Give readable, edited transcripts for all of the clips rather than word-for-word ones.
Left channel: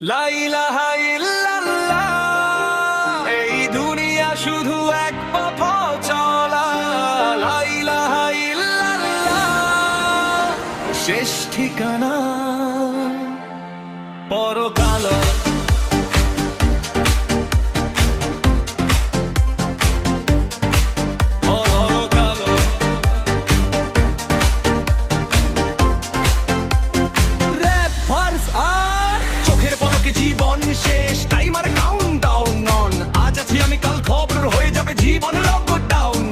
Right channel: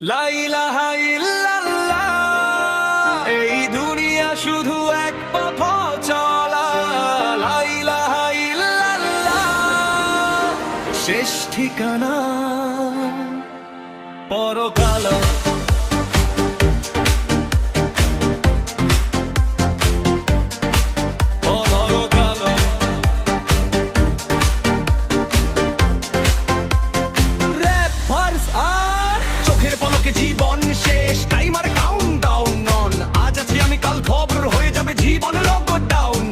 লা ইলাহা ইল্লাল্লাহ, এই দুনিয়া শুধু এক পথ চলা। লা ইলাহা ইল্লাল্লাহ, শেষ ঠিকানা পরকাল। চোখের পলকে জীবন শেষ, টাইমার কাউন্টডাউন অন। আজ আছি আমি, কাল খবর হয়ে যাবে জীবন লকডাউন।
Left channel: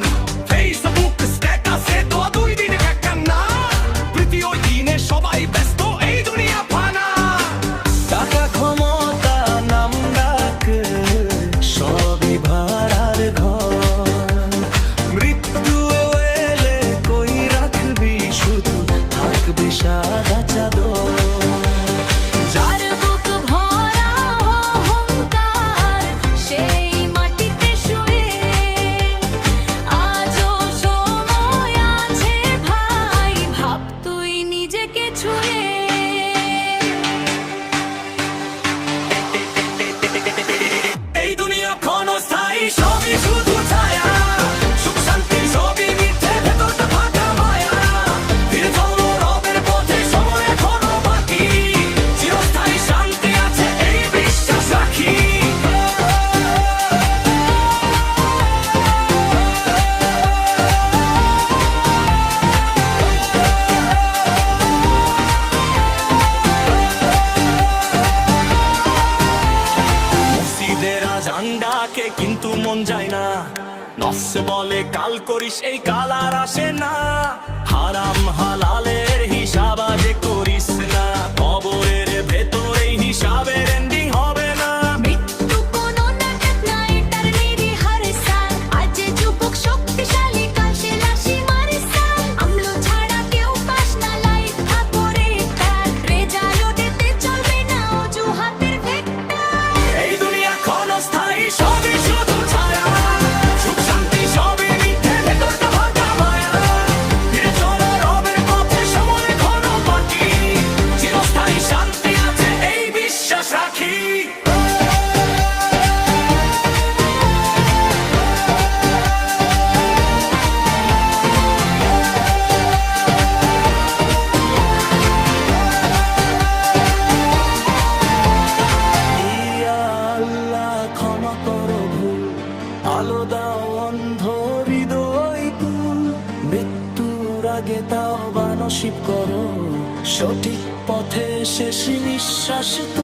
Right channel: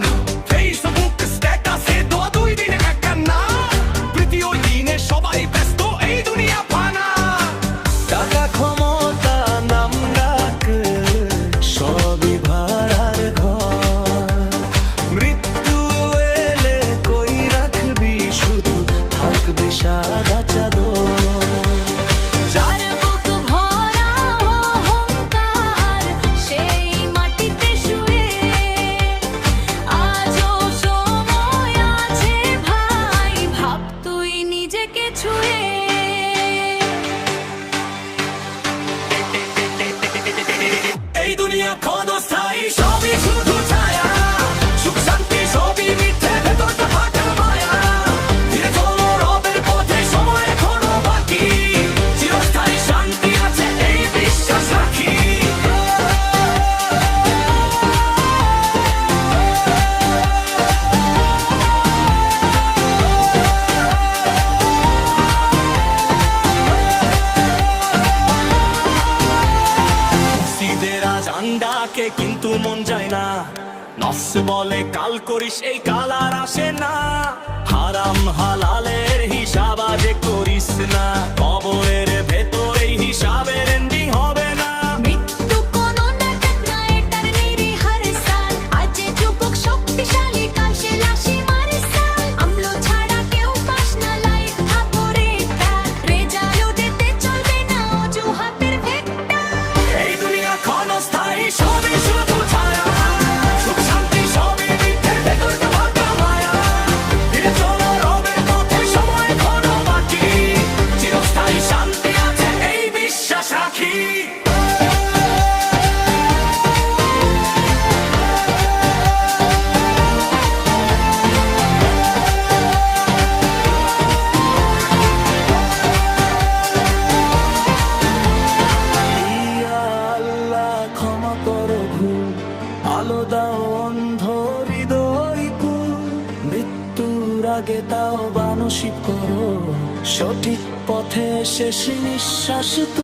ফেসবুক স্ট্যাটাসে দোয়া, 2 দিনে একা না। প্রীতি ওই দিনে সবাই ব্যস্ত, এই দুনিয়া ফানা। টাকা ক্ষমতা নাম ডাক, সবই ভাড়ার ঘর। মৃত্যু এলে কই রাখবি, শুধু থাকবি সাদা চাদর। যার বুক ভরা অহংকার, সেই মাটিতে শুয়ে। আজও সময় আছে ভাই, ভাব তুই নিজেকে ছুঁয়ে। এই দুনিয়া ক্ষণস্থায়ী, সবই শুধু ছায়া। সুখ শান্তি সবই মিথ্যে, ভেতরটা ফাঁকা মায়া। ধীরে চলো রবের পথে, সময় এখনো বাকি। চিরস্থায়ী শান্তি আছে, এই বিশ্বাস রাখি। মসজিদের আজান ডাকে কিন্তু মন যায় না। নফস বলে কাল করিস, এই কাল আর আসে না। হারাম হালালের হিসাব আজ করিস না, কবরের ভেতরে হিসাবের এন্ডিং হবে না। মৃত্যু কোনো নাটক না, এটার নিরিহার সাল। আজ যুবক শক্তিশালী, কাল সে লাশি মারে সাল। আমলো ছাড়া কেউ পাস না, লাইট থাকরে কার। রেজাল্ট দিতে চলবে না অজুহাতের ভেক্টর। এই দুনিয়া ক্ষণস্থায়ী, সবই শুধু ছায়া। সুখ শান্তি সবই মিথ্যে, ভেতরটা ফাঁকা মায়া। ধীরে চলো রবের পথে, সময় এখনো বাকি। চিরস্থায়ী শান্তি আছে, এই বিশ্বাস রাখি। ইয়া আল্লাহ, ক্ষমা করো ভুল। আলো দাও অন্ধ হৃদয় কুল। মৃত্যুর আগে তাও নসিব করো, সঠিক পথে শেষ নিঃশ্বাস।